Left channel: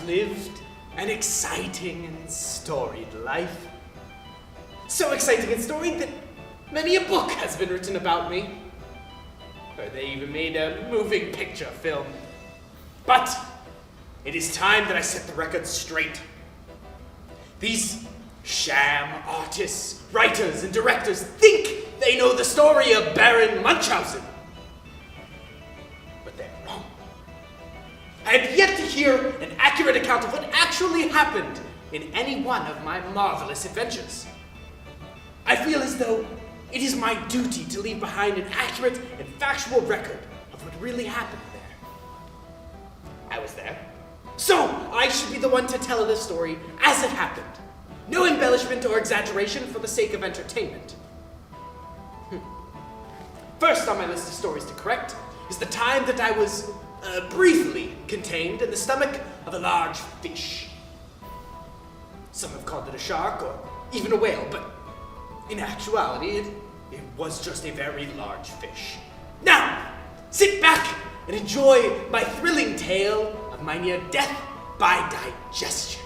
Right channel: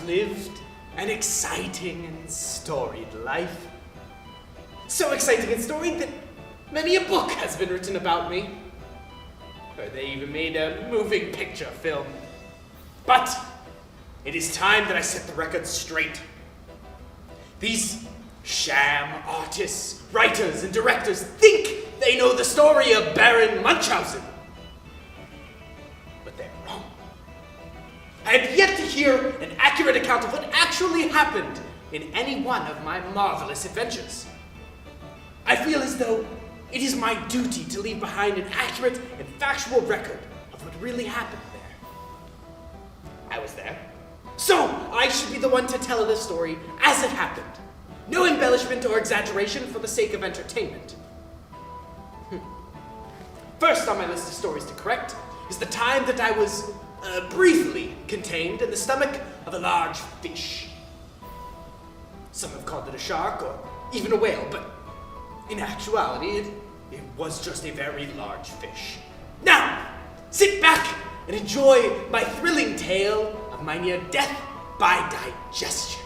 have lived an exciting and storied life. So exciting and storied that many a book has been written about me. Or they even made a moving picture film. But it is time that I set the record straight. These sham artists, writers, and directors think they know the story of Baron Munchausen. But they're wrong. I have yet to hear an accurate account of what actually happened in any one of my marvelous adventures. I feel as though it is my duty to leave behind an accurate and factual record of what really happened there. I was there, so I should be the one to tell the story as it happened. No embellishment or exaggeration for the sake of entertainment. First on my list of stories to correct is the time that I was briefly contained in the stomach of a large fish. Some have called it a shark or even a whale, but in actuality, it was just a very large fish. Now, sit back and enjoy my thrilling tale of my near death by digestion.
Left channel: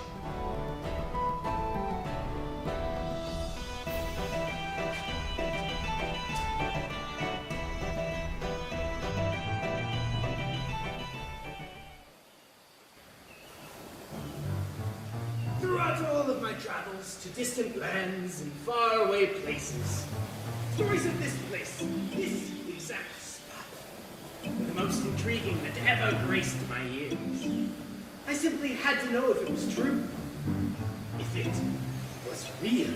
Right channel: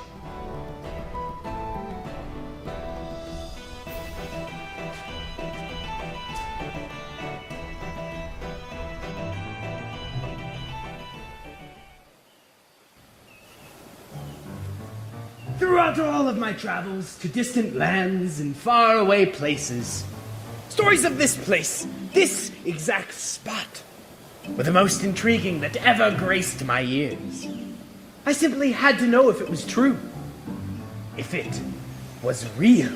Throughout all of my travels to distant lands and faraway places, stories of this place, this exact spot, were the most intriguing that ever graced my ears. I simply had to know if it was true, if it was real.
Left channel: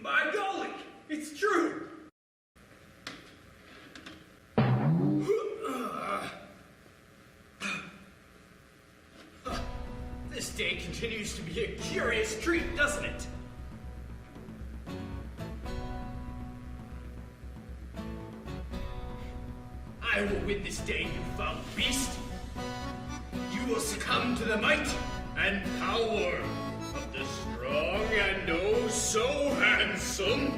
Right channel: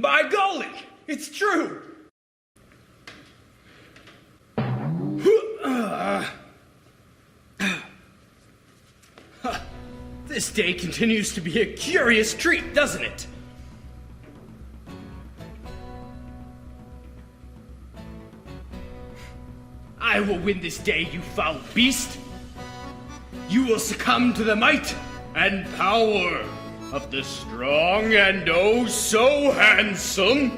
By golly, it's true! This day continues to be a curious treat, doesn't it? I will win this day, you foul beast! You will succumb to the might and power of the strong and oh so handsome,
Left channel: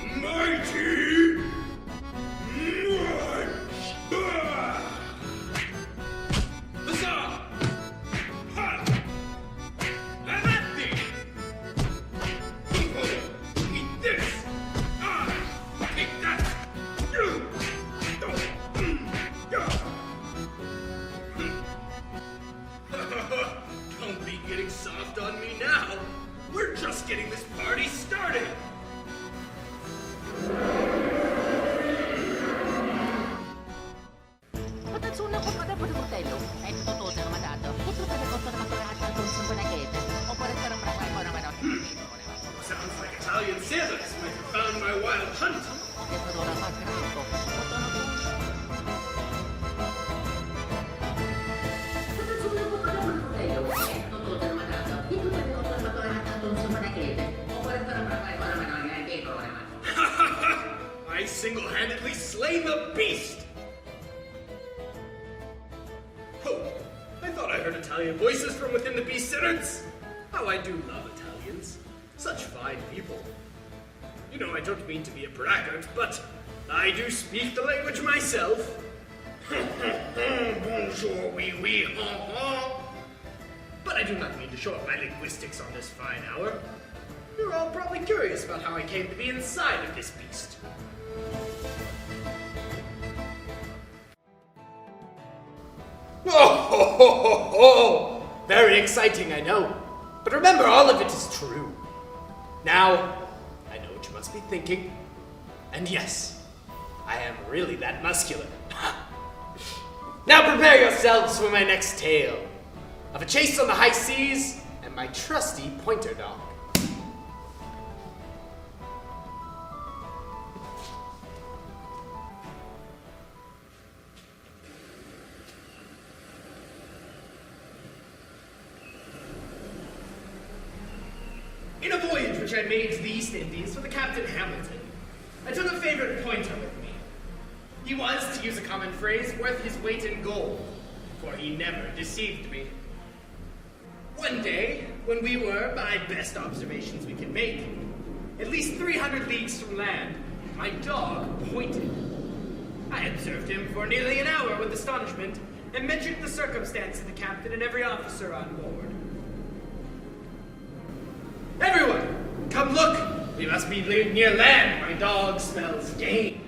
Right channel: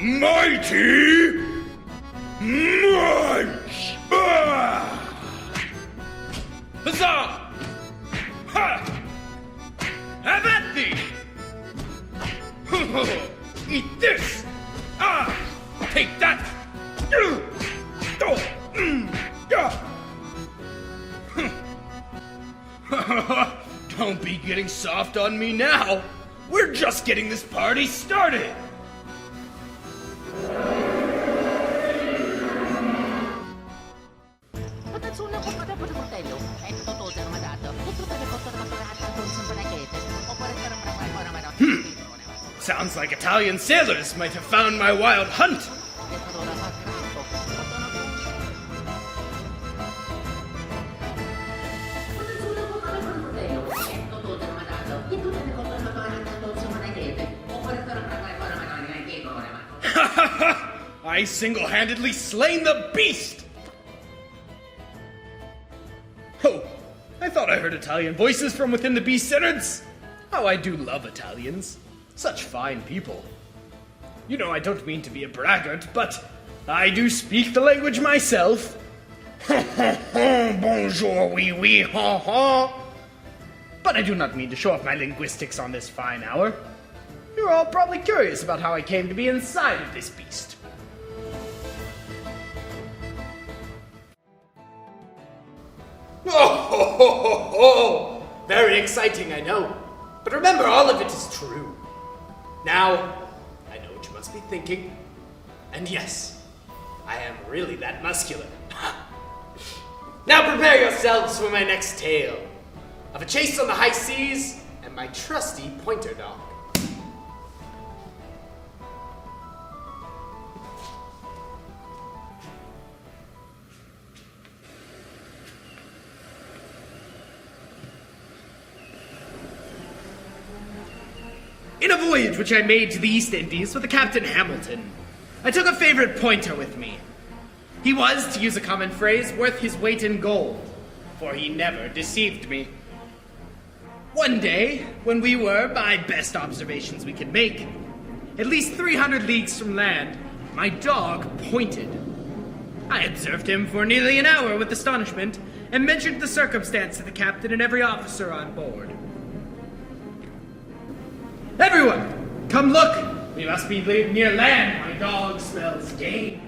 mighty Munch! Huzzah! Ha! Have at thee! Eat this! Ah! Take that! Don't be getting soft on me now. We're just getting this party started. Sounds like Italian sailors might have found my wild hunt. I single-handedly slain the beast! Oh, I thought I heard Italian voices from within the beast's innards. How I do love Italians. Such fine people. You know, I don't mean to be a braggart, but I do speak the language myself. Bonjour, oui, oui, ha, ha. But I do not mean to show off my linguistics on this fine hour. You're all probably curious about how I came to be inside of this beast. Oh, very exciting, I know. But remember, all of it is true. Now, I know what you must be thinking. And yes, I am really that muscular. Now prepare yourselves for my next tale of a chase on the high seas and my trusty pointer dog. In a voyage which I made to the East Indies with a Captain Hamilton, I took a favorite pointer with me. He was, to use a common phrase, worth his weight in gold, for he never deceived me. One day, when we were, by best observations we can make, at least 300 leagues from land, my dog pointed. I observed him for nearly an hour with astonishment, and mentioned the circumstance to the captain and every officer on board. Everyone, come look! We must be near land. My dog smells game.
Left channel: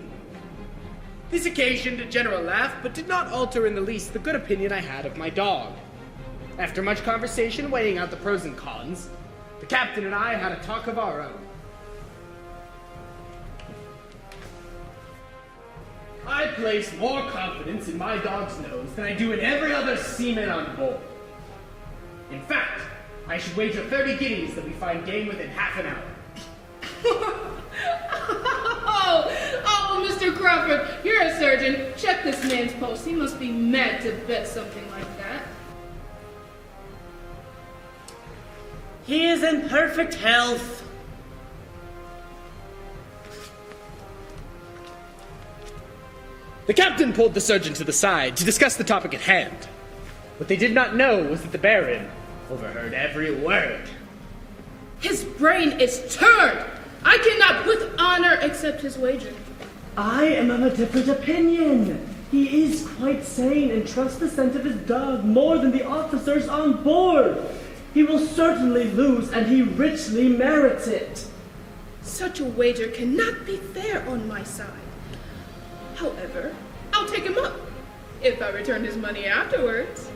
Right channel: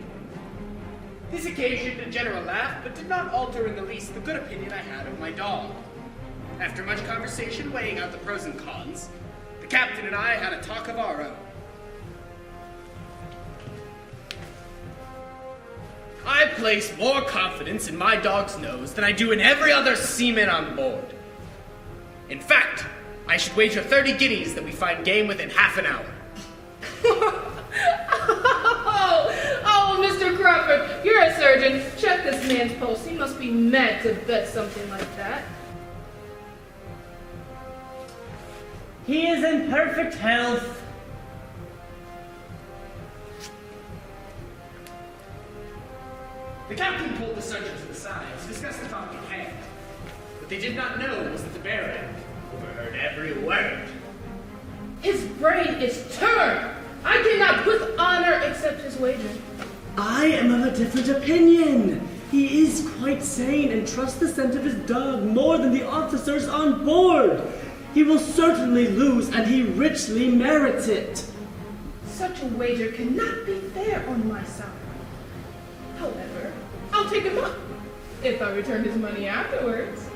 This occasioned a general laugh, but did not alter in the least the good opinion I had of my dog. After much conversation weighing out the pros and cons, the captain and I had a talk of our own. I place more confidence in my dog's nose than I do in every other seaman on board. In fact, I should wager 30 guineas that we find game within half an hour. Oh, Mr. Crawford, you're a surgeon. Check this man's pulse. He must be mad to bet something like that. He is in perfect health. The captain pulled the surgeon to the side to discuss the topic at hand. What they did not know was that the Baron overheard every word. His brain is turned. I cannot with honor accept his wager. I am of a different opinion. He is quite sane and trusts the scent of his dog more than the officers on board. He will certainly lose, and he richly merits it. Such a wager cannot be fair on my side. However, I'll take him up if I return his money afterwards.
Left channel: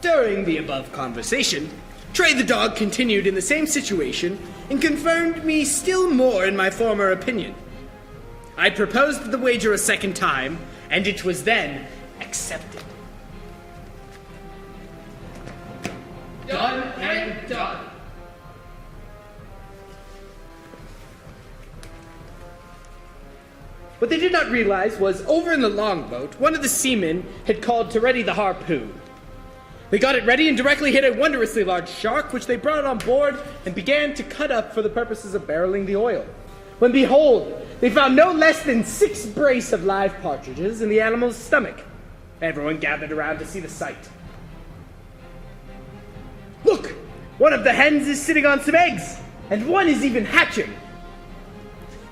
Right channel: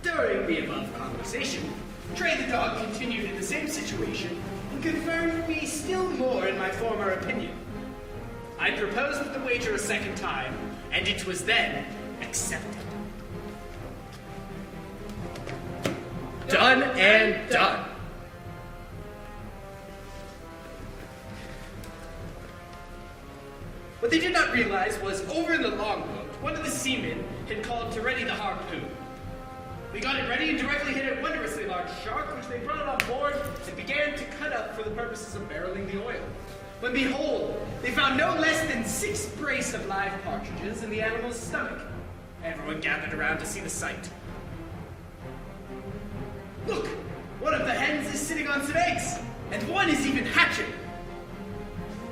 During the above conversation, Trey the dog continued in the same situation and confirmed me still more in my former opinion. I proposed the wager a second time, and it was then accepted. Done and done. What they did not realize was, over in the longboat, one of the seamen had called to ready the harpoon. They got it ready and directly hit a wondrously large shark, which they brought on board and began to cut up for the purposes of barreling the oil. When behold, they found no less than 6 brace of live partridges in the animal's stomach. Everyone gathered around to see the sight. Look! One of the hens is sitting on some eggs, and one is even hatching.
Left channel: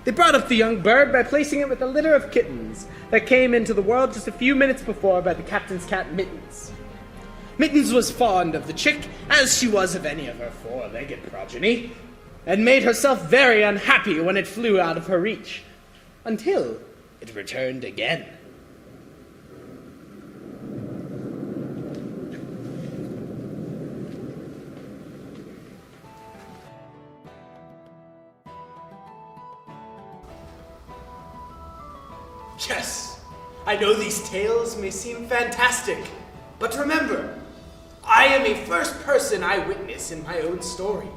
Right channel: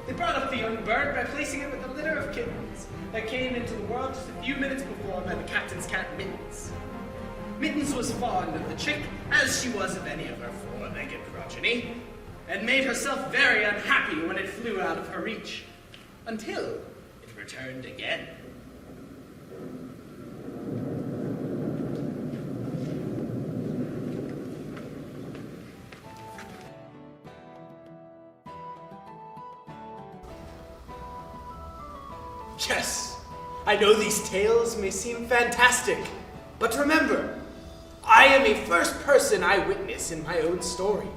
They brought up the young bird by placing it with a litter of kittens that came into the world just a few minutes before by the captain's cat, Mittens. Mittens was fond of the chick, as she was of any of her 4-legged progeny, and made herself very unhappy when it flew out of her reach, until it returned again. Yes, I know these tales may seem fantastic, but remember, I am a first-person eyewitness in my own story.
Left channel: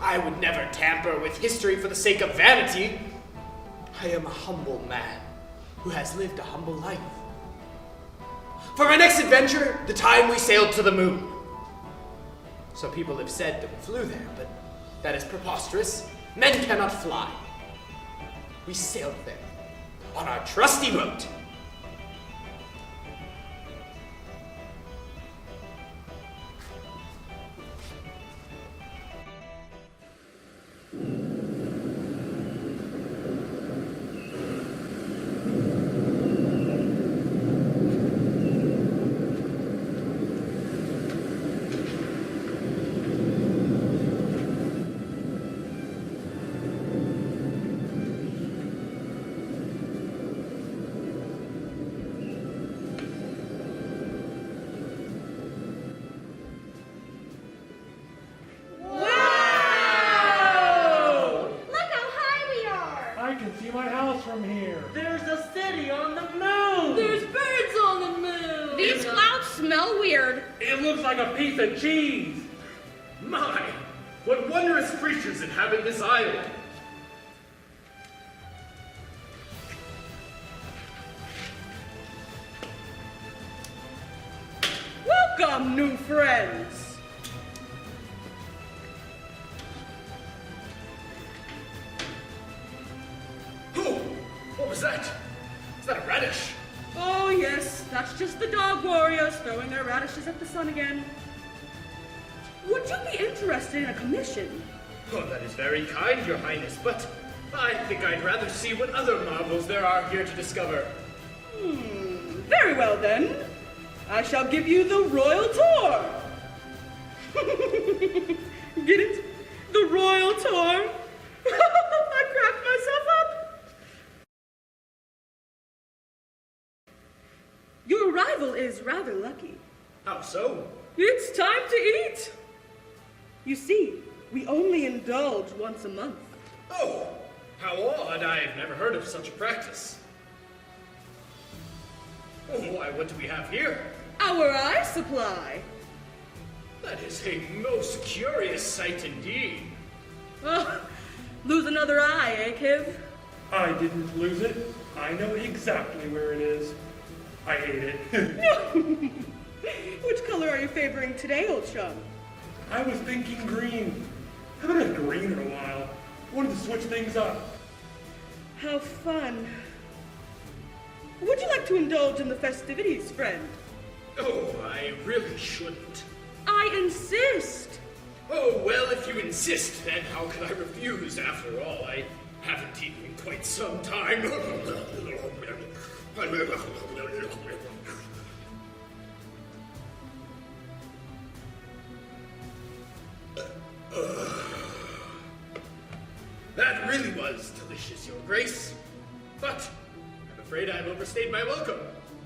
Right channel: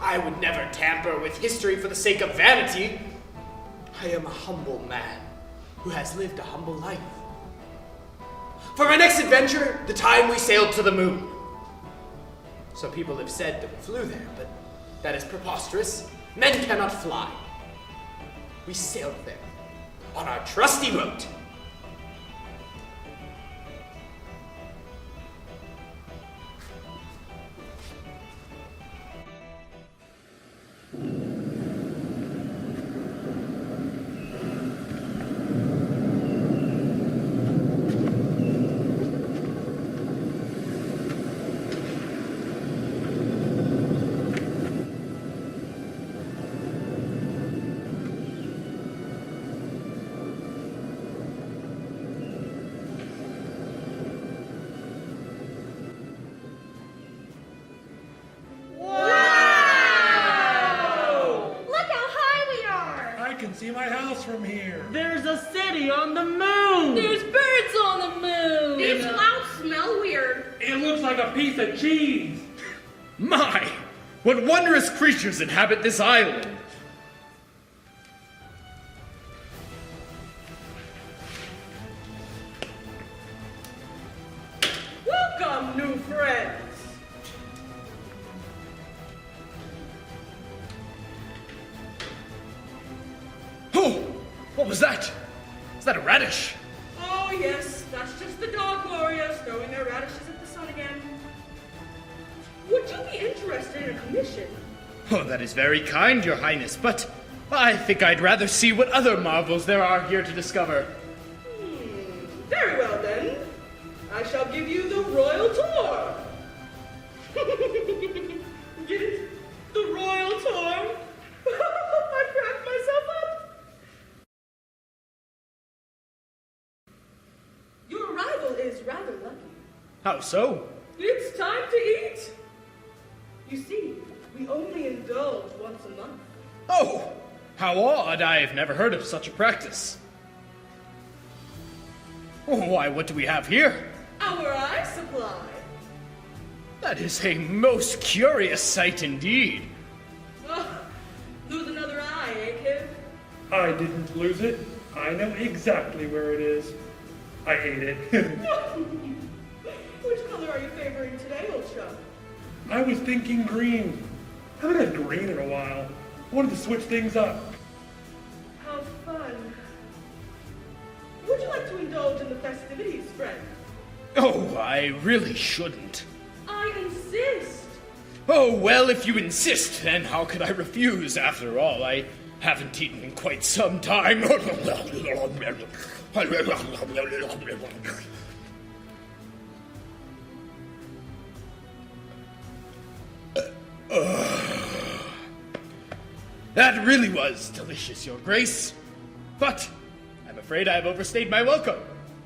I would never tamper with history for the sake of vanity. I am a humble man who has lived a humble life. For my next adventure, the time we sailed to the moon. Some people have said that we flew there, but that is preposterous. Men cannot fly. We sailed there on our trusty boat. can see my house from here. There's a city on the moon! There's birds on the moon! These clouds smell weird. It looks like a piece of cheese. My, what wondrous creatures inhabit this island! Welcome, new friends! Oh, what was that? Is that a radish? Oh yes, that's just the dog warriors throwing their radishes at the sun again. Would you be interested in a commission? Oh, that is very kind, Your Highness, but I think I'd rather see what other marvels there are here to discover. Very well then. I shall give you the royal tour. Get it? The royal tour? I cracked myself up. Your arrival is rather lucky. How so? It's time to eat. You see, we only indulge once a month. Oh, how odd. I've never heard of such a practice. Oh, why, what do we have here? Our eye supply. That is a most curious sight indeed. Oh, lose another eye, eh, Kiv? I didn't lose it. I know exactly where it is. I hate it. Which color are you favoring today, old chum? I was thinking green. I haven't had green in a while. I wanted to switch things up. How fun. Would you like to indulge in the festivities, friend? Oh, I really shouldn't. I insist. Oh, well, if you insist, then how could I refuse? After all, I haven't eaten in quite some time. That really was delicious, Your Grace. But I'm afraid I've overstayed my welcome.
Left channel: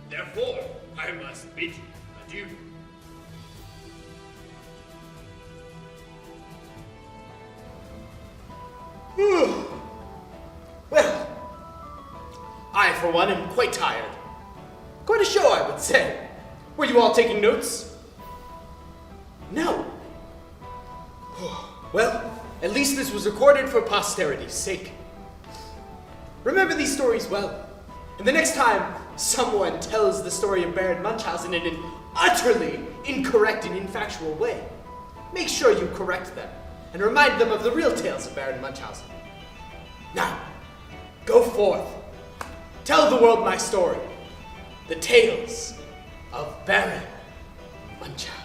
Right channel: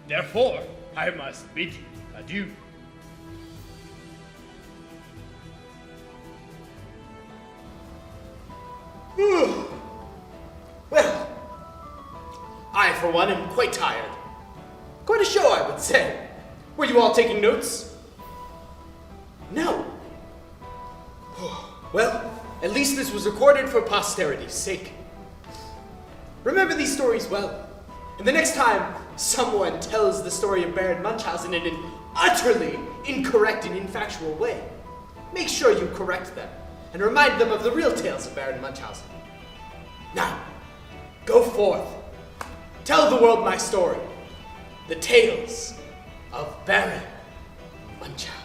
Therefore, I must bid you adieu. Well, I, for one, am quite tired. Quite a show, I would say. Were you all taking notes? No. Well, at least this was recorded for posterity's sake. Remember these stories well, and the next time someone tells the story of Baron Munchausen in an utterly incorrect and infactual way, make sure you correct them and remind them of the real tales of Baron Munchausen. Now, go forth. Tell the world my story. The tales of Baron Munchausen.